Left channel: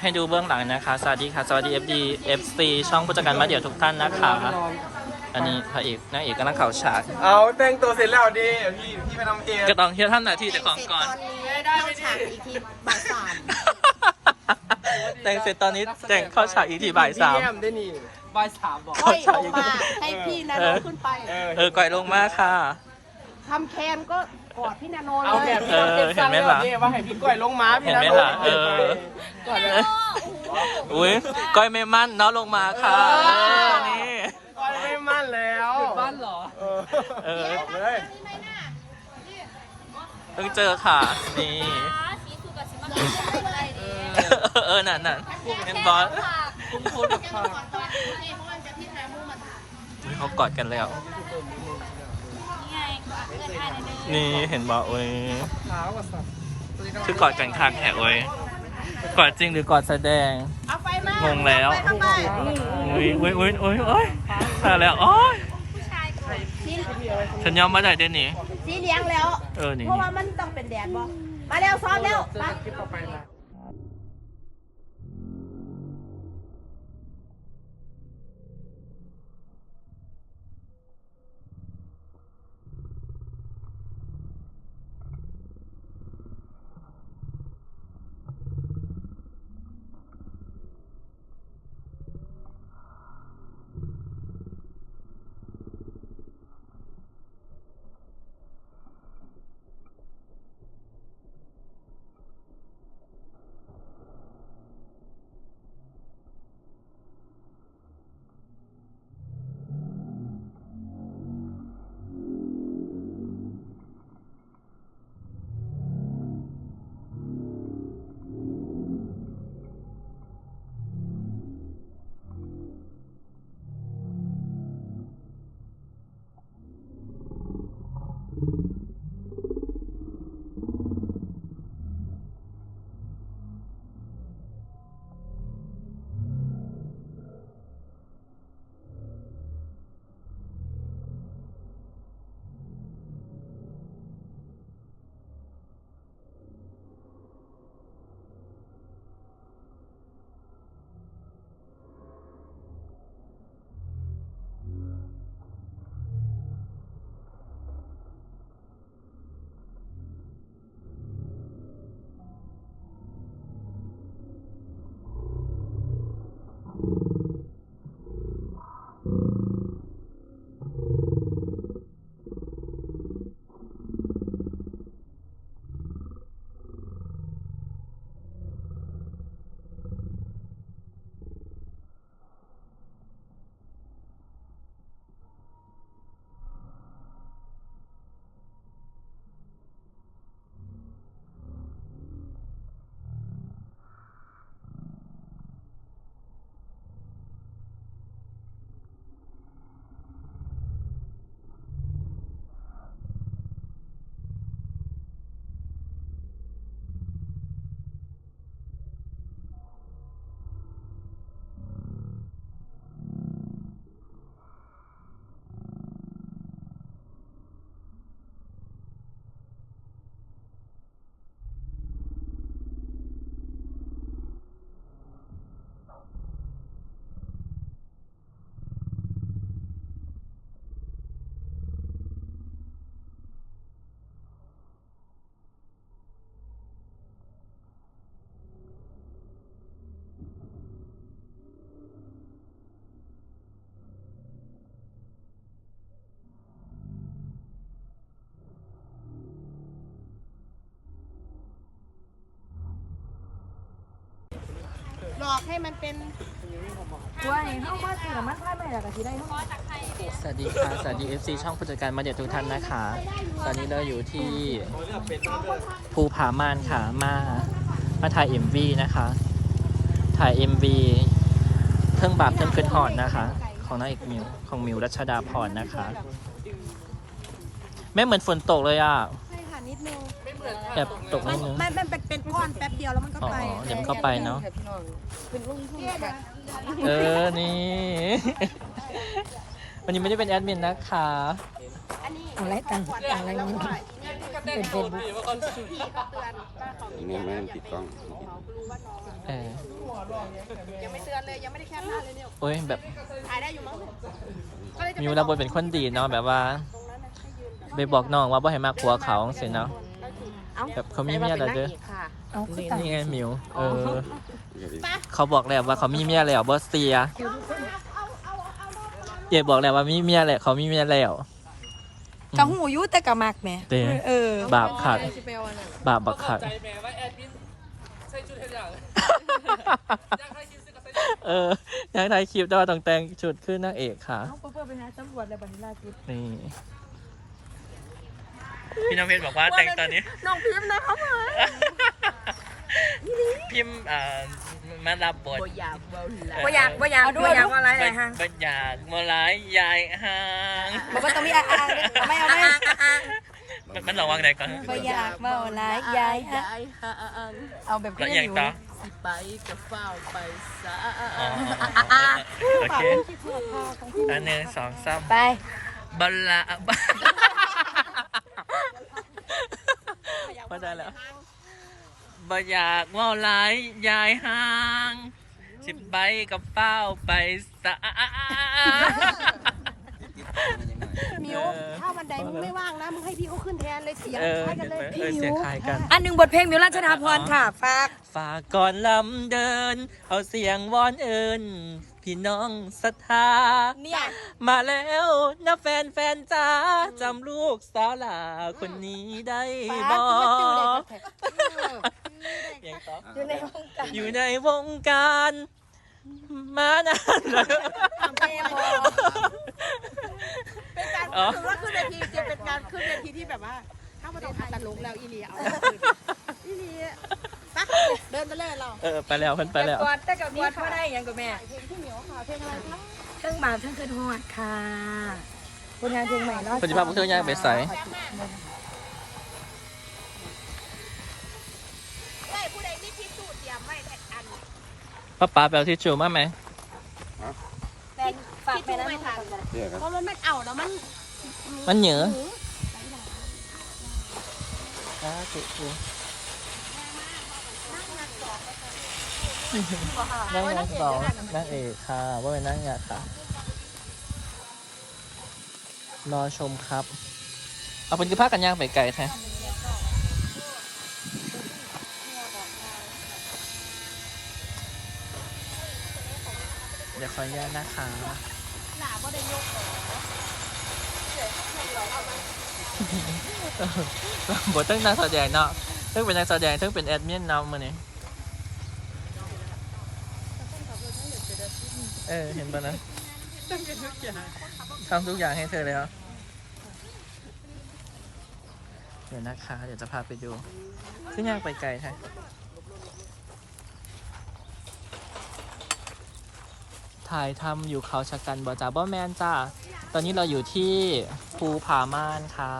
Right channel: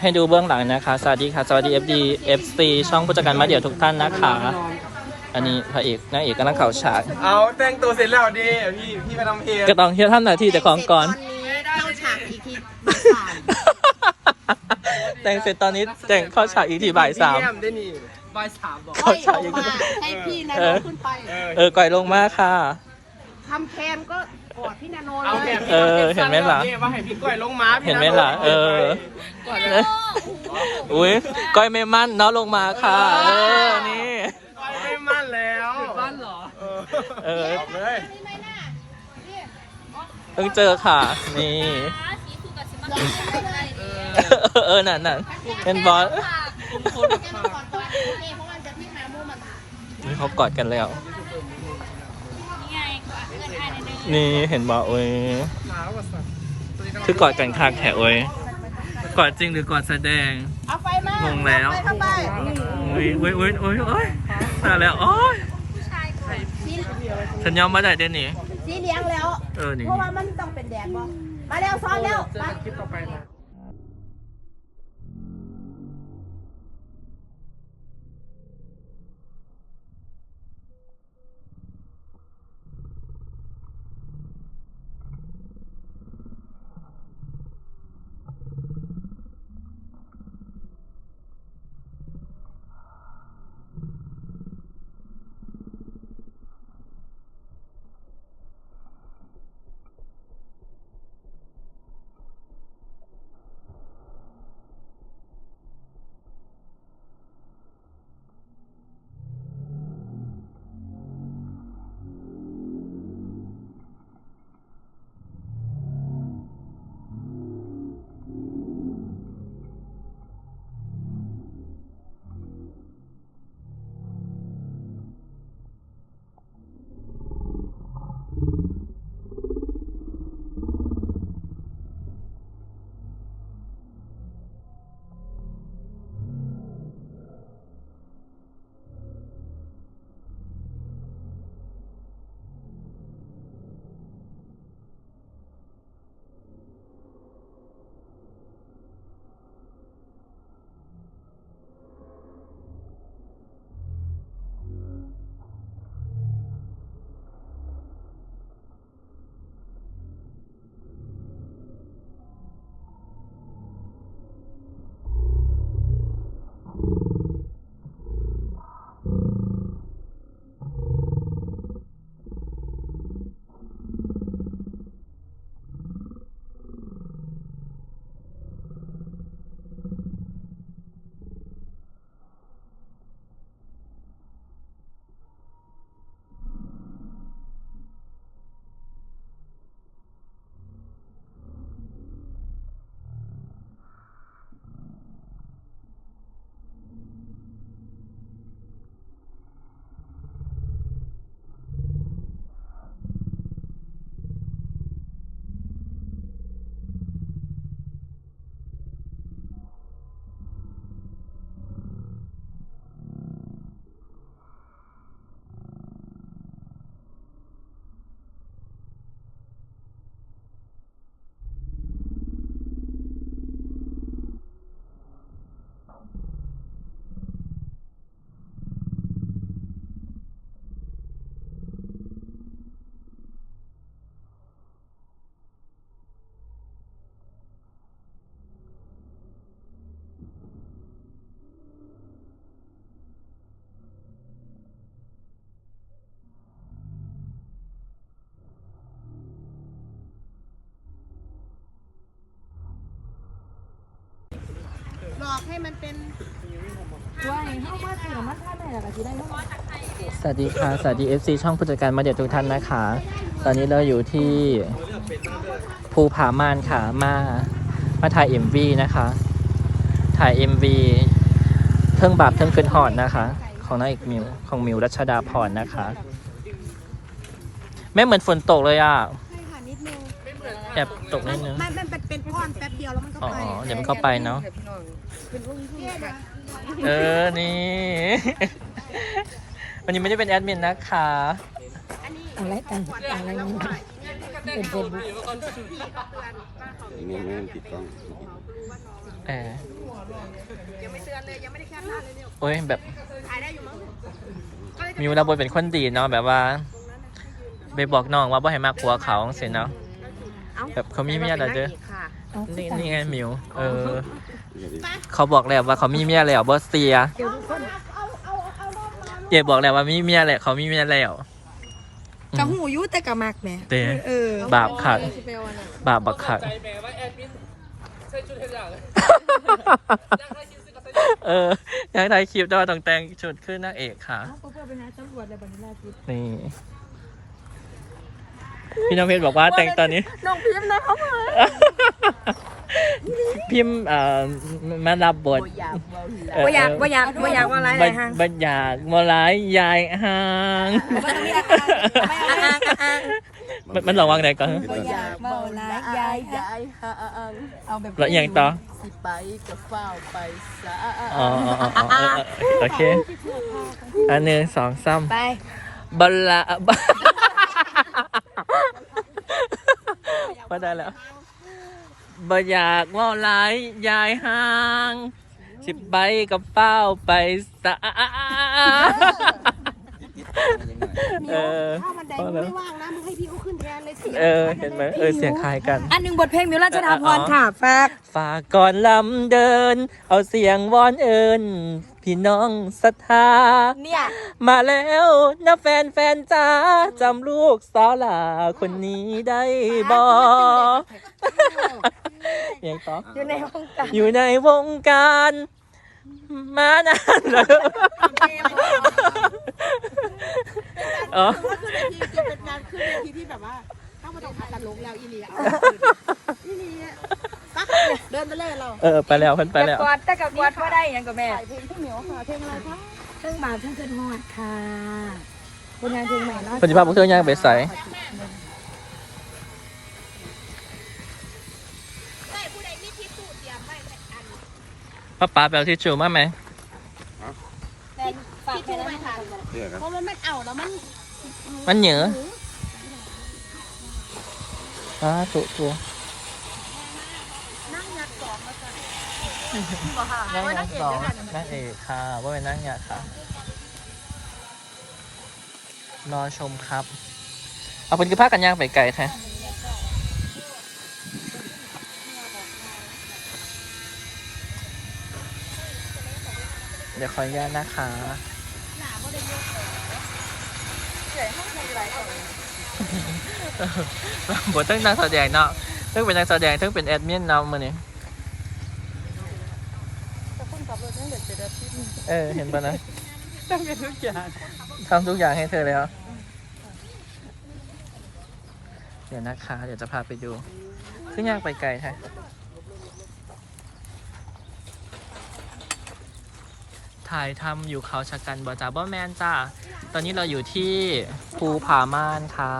ให้ดูเบื้องหลังนะคะ สวัสดีค่ะ สวัสดี FD FC ช่องผู้จัดการมาเดี่ยวทุกท่านนะคะ อันนี้พระเอกนางเอกกำลังเข่าฉากเอาแต่งตัวเสร็จแล้วดิพี่พี่ไปทำเพลงก็ต้องเที่ยวท่านหน้าที่แต่ของก่อน แต่งเสร็จตอนนี้แต่งเข้าฉากอีกทีบ่ายสาม ได้นี่บ่ายสามบอก เข้าฉากอีกทีให้พี่นาเอโนอขึ้นไป เออก่อยลงมาค่ะ ทำแคนก็กอดพี่นาโนเอาเลแบยบเออเห็นไหมล่ะ ว่าให้พี่ก้อยลงมาเห็นไหมล่ะ เออ อุ้ยก้อยไม่มั่นเนาะลงมาค่ะ เออ นี่ ก้อยไม่มั่นแล้วมั่นเหรอ เออเลยเพิ่งเจอค่ะ นี่ เออ นั่นนั่นเป็นบอสนี่เขากอดกันแล้ว นี่เห็นบอกโอ้ยคือกอดกันคากแถวโอ้ยกอดจริงหรือกอดแสดง เอาไฟมางงแล้ว เข้าไปอุ้ยอุ้ยอุ้ยอุ้ยโอ้ยตายแล้วโอ้ยสีฉันยอมมาได้เดนนี่สีเหลี้ยงแล้ว เออนี่เพราะว่ามันต้องเป็นแดดบ่มาเร็วซ้อนเร็วมา อกให้มันเป็นว้ายเข้ามาเสือมันท่าไม่หรอกะทีได้เข้ามาสวัสดีค่ะ สวัสดี FC ช่องผู้จัดการมาเดี่ยวทุกท่านนะคะ ตอนนี้เราอยู่ที่ภูผาม่านค่ะ มา มาถ่าย MV นะคะ ถ่าย MV เทิงบาปเทิงคืนหอดนะคะ ของนางเอกมิว ของมิวรัชดาพรนะคะแม่เหมือนฝนตกเลยอะ แอบตกนิดนึงมันมันเป็นเป็นก้อนแป๊บเดียวแล้วมันก็อ๋อ ไปเดี๋ยวมันเข้าไปเนาะ เออ นี่ วันนี้ไม่ได้เป็นแอดมินนะคะ อะไรต่างอะไรนี่เป็นเฟซบุ๊กไม่ไม่ต้องติดกล้องเออยังไม่เตือนเลยยังไม่ได้แคปหน้าเลยเนี่ยโอ้ยแบบถ่ายได้อยู่มั้งก็เลยจะมิวรับบทเป็นคนดีเนาะแบบว่า ไปบอกน้องว่าบ่ให้มากผัวเขาเสร็จเนาะ แบบเขามีเมียแล้วเด้อนี่นี่ไงมิว เออ เขาบอกแล้วว่าเขามีเมียแล้วบอสเซียเจ๊บอกแล้วว่ามีเมียแล้วเขามีเมียแล้ว กะหูยุแต่กะมักแหม่เต้เออบาปขัด บาปบักขัด ใจแม่ว่าแอดมินใส่ชุดเท่าไหร่อยากได้ชิ้นซื้อก็ใส่เอออยากถ่ายคลิปแต่ว่าต้องแต่งชุดขึ้นนางเอกค่ะเขาเพื่อไปหาตำรวจแล้วบัดนี้ล่าสุดนี่ พี่น้องเพชรบอกว่าแต่งตอนนี้ น้องพิมพ์นะเขาเพิมพ์เอ่อมารับบทว่าอยากว่าอยากว่าอยากว่าอะไรบัญฮะบัญญาณมลายยายห่างบอกว่าต้องมีอ่างไม่เอาไม่มันมันหลอกวางไหนก่อนว่าอยากว่าอะไรยายฮะเอาแบบแล้วอย่างต่อสิไปกับเฝ้าไปซะอ๋ออ๋ออ๋ออ๋อโอเคอันหนึ่งสองสามไปบัลลาบ มาได้แล้วบอยากเว่าร้ายยายห่าง สิบใบกับเป้าไปสะมิวถ้าวันใดมึงไม่ว่างนะมึงให้พี่เขาขึ้นแทนเลยเสียงเออเห็นไหมเออเสียงคล้ายกัน อันหนึ่งบทเพลงมิวราชดาพรค่ะฝากฝากก่อนลำเดิน เอาเสียงวอนเอิญ พี่น้องศรัทธา เนี่ยมาแล้วนะแฟนแฟนจ้าจำลูกสาวหลาคนนี้ได้บอยังต่ออยู่ในวงการอยู่ในวงการ มานานแล้วอ๋อ ว่าขึ้นเวทีจะเป็นการขึ้นเวทีที่แบบว่า เข้ามาต้องอัดตลกแล้วอีเลียเอาอีเลีย ปักเดินไปเลยเราเออไปแล้วเพิ่นไปแล้ว กอดแต่กับกอดเขาได้ยังกับแม่เพลงอะไรครับเครื่องบาปเครื่องเกินหอดค่ะผลงานเพลงใหม่เนาะปฏิภาพพวกเธอย่างไปใส่ได้ผู้ใดมีทิชชู่เตรียมไว้อันป้าป๋าแปลที่จูมาไหมแต่ฝากไปนะไม่ทันเพราะมันมันเอาแล้วมัน มันเหนืออ่าถูก นั่งยางสองนั่งเอกค่ะว่าเป็นนั่งยางค่ะรอชมครับ เอาเป็นกี่ภาคกันย่างไปไกลค่ะเดี๋ยวขออนุญาตนะคะบทตั้งนักแสดงเนาะตั้งเป็นนักแสดงตั้งเป็นแอดมินเนาะมือนี้ เออ เห็นปะนะทำทุกอย่างให้เธอแล้วเดี๋ยวนะคะ เดี๋ยวจะพาไปดู ซึ่งยากไปไกลค่ะถ่ายทำอยู่เขาชะกันบอจ่าบอแมนจ้า ตอนนี้เราอยู่ที่ภูผาม่านค่ะ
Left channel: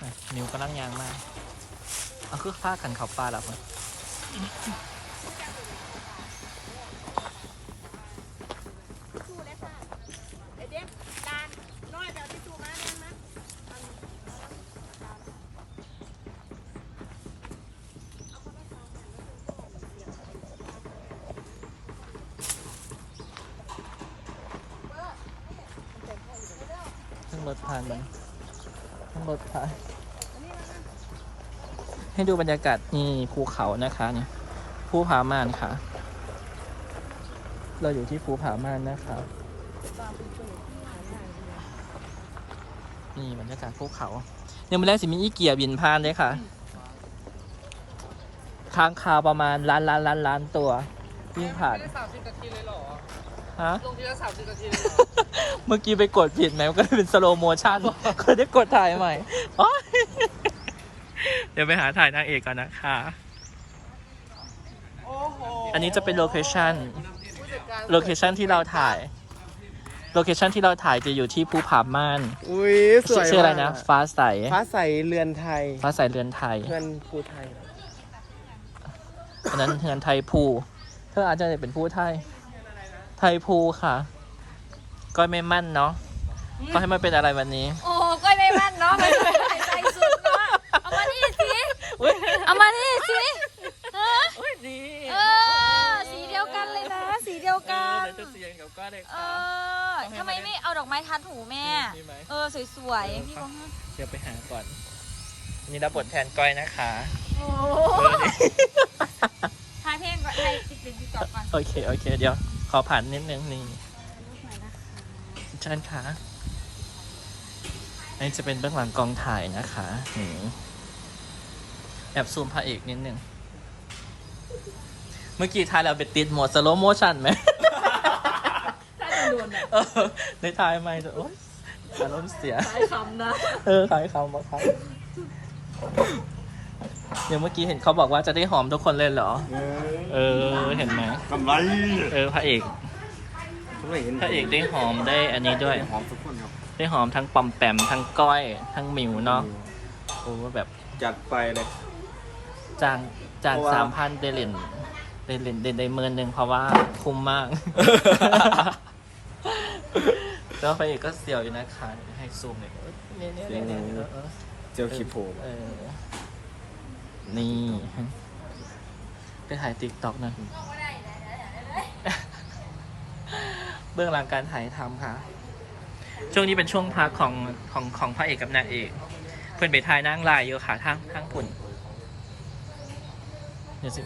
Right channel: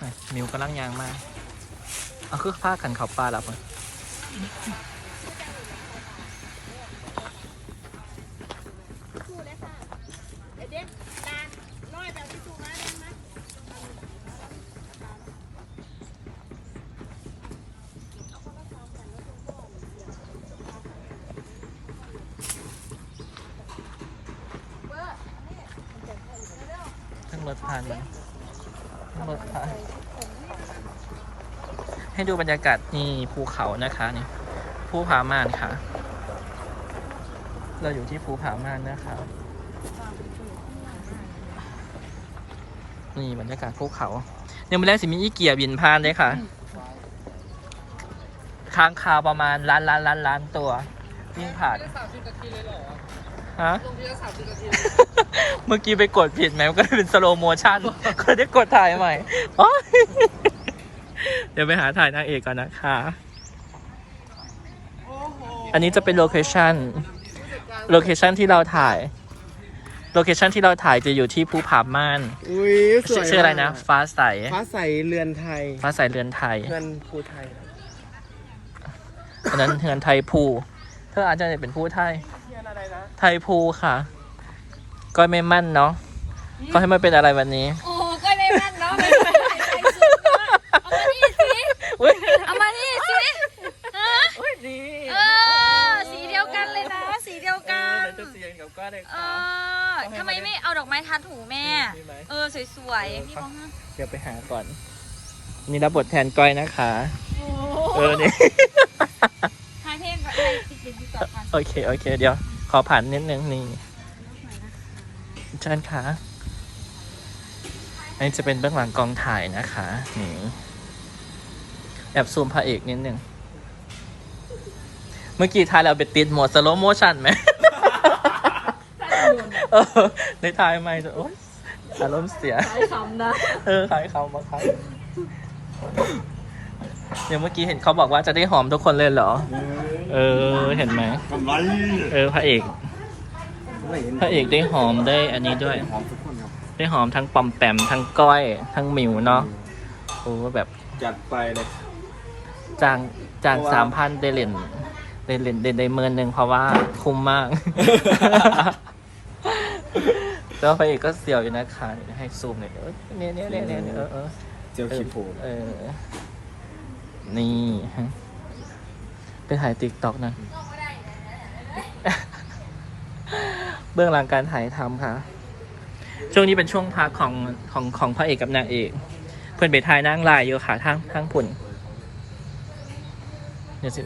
อะมิวกำลังยางมาเอาคือผ้าขันเขาปลาแล้วมั้ง ชู่เลยค่ะเด็กดานน้อยแบบทิชชู่มาได้ไหม เพิ่ง รถผ่านมันเพิ่งรถผ่านให้ดูบรรยากาศนี่ภูเขานะคะนี่ภูผาม่านค่ะ เราอยู่ที่ภูผาม่านนะคะนี่บรรยากาศภูเขาเนี่ยมันแรกสิมีอีเกียบินผ่านเลยค่ะ ค้างคาวประมาณล้านล้านล้านล้านตัววิ่งผ่านได้สามสิบนาทีเลยหรอ ฮะ ลงทีละสามสิบนาทีเลยเหรอเมื่อกี้ไปกดผิดไหมมันก็เลยเป็นสโลโมชั่นก็เลยได้กดถ่ายใหม่โอ๊ยเดี๋ยวไปหาถ่ายนางเอกก่อนนะคะอันนี้จะเป็นโลเคชั่นโลเคชั่นที่เราถ่าย โลเคชั่นที่เราถ่ายจะอยู่ที่ภูผาม่านอุ้ยสวยชื่ออะไรนะฟ้าใส ฟ้าใสเรือนไทยฟ้าใสเรือนไทย เรือนภูไทย อันนั้นเรือนไทยภูเธออาจจะเป็นผู้ไทย ไทยภูค่ะก็ไม่มั่นเนาะก็ให้มันเป็นอะไรวันนี้ โอ้ก็ไม่แม่นเนาะไม่ไม่ใส่สุดเนาะเอามานี่สิอุ้ยเอามานี่สิฮะอุ้ยดีเออกับก้อนเลยเอค่ะอทำไมไม่เอาดอกไม้ทัดหูแม่ มีไหม เออสวยเออๆพี่ครับบอกให้เดี๋ยวไปหาก่อน นี่รับบทแทนก้อยนะคะเออนี่ทายเพลงก่อนทายติ๊กติ๊กติ๊กก่อนก่อนโอเค โอเค เดี๋ยว ขอผ่านนิดนึงนี่เชิญค่ะอันนี้จะเป็นเบื้องหลังกองถ่ายนะคะนี่แอบซูมพระเอกนิดนึง เมื่อกี้ถ่ายเราไปติดโหมดสโลโมชันไหมเออในถ่ายไม่จะโอ๊ยอารมณ์เสียใช้คำนะ เออขายเขามาครับ เดี๋ยวเมื่อกี้เห็นเขาบอกว่าจะได้หอมทุกคนเลยเหรอ เออ เห็นไหม กำไรเออพระเอก ไม่เห็นพระเอกได้หอมได้อันนี้ด้วย หอมทุกคนครับได้หอมทั้งปอมแปมทั้งก้อย ทั้งหมิวเนาะ โอ้แบบจัดไปเลย จางจางเพราะว่า สามพันเดลินเดลินเดนได้เมินหนึ่งเพราะว่าคุ้มมาก แล้วพระเอกก็เสียวอยู่นะคะให้ซูมหน่อยเออเนี่ยเนี่ยเนี่ยเนี่ยเออเออเจียวขีโผล่เออ นี่ฮะไปถ่ายติ๊กต็อกนะเบื้องหลังการถ่ายทำค่ะ ช่วงนี้เป็นช่วงพักของของของพระเอกกับนางเอก เพื่อนไปถ่ายนั่งลายอยู่ค่ะทั้งทั้งผุ่นเดี๋ยวสิ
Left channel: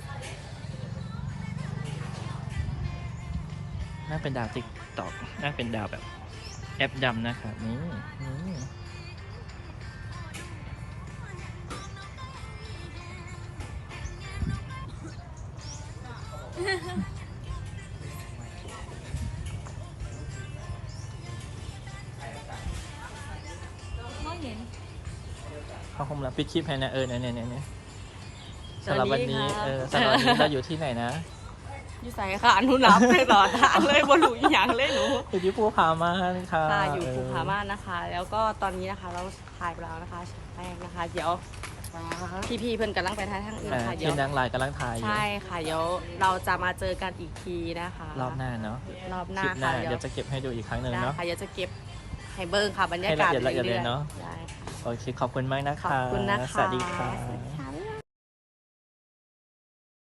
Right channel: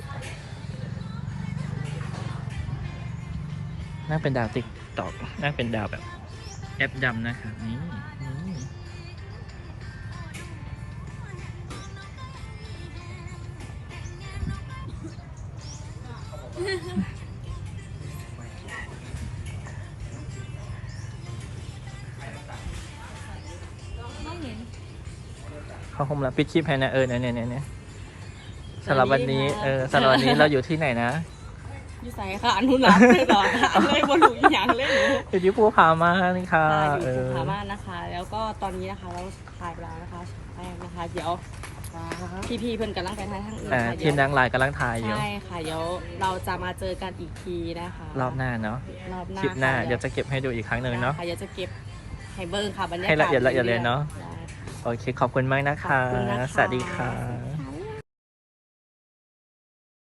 น่าเป็นดาวติ๊กต็อกน่าเป็นดาวแบบแอปดำนะคะนี่ ไม่เห็น เขาคงรับปิดคลิปให้นะเออเนี่ยเนี่ยเนี่ยเนี่ยสำหรับวันนี้เออสำหรับวันนี้เราอยู่ที่ไหนนะอยู่ใส่ค่ะอนุรักษ์เลยต่อทางเลยบนหลุยอย่างเลยหนูอยู่ที่ภูผาม่านค่ะค่ะอยู่เภูผาม่านนะคะ แล้วก็ตอนนี้นะคะเราถ่ายไปแล้วนะคะฉากแรกนะคะ เดี๋ยว พี่ๆเพื่อนกำลังไปถ่ายทางอื่นอ่าค่ะเดี๋ทียมวนางลายกำลังถ่ายอยู่ใช่ค่ะเดี๋ยวเราจะมาเจอกันอีกทีนะคะรอบหน้าเนาะรอบหน้าคลิปหน้าค่ะเดี๋ยวจะเก็บให้ดูอีกครั้งหนึ่งได้เนาะค่ะเดี๋ยวจะเก็บให้เบิ้งค่ะบรรยากาศให้ละเอียดละเอียดเลยเนาะ ได้ค่ะ โอเค ขอบคุณมากนะคะขอบคุณนะคะ สวัสดีค่ะ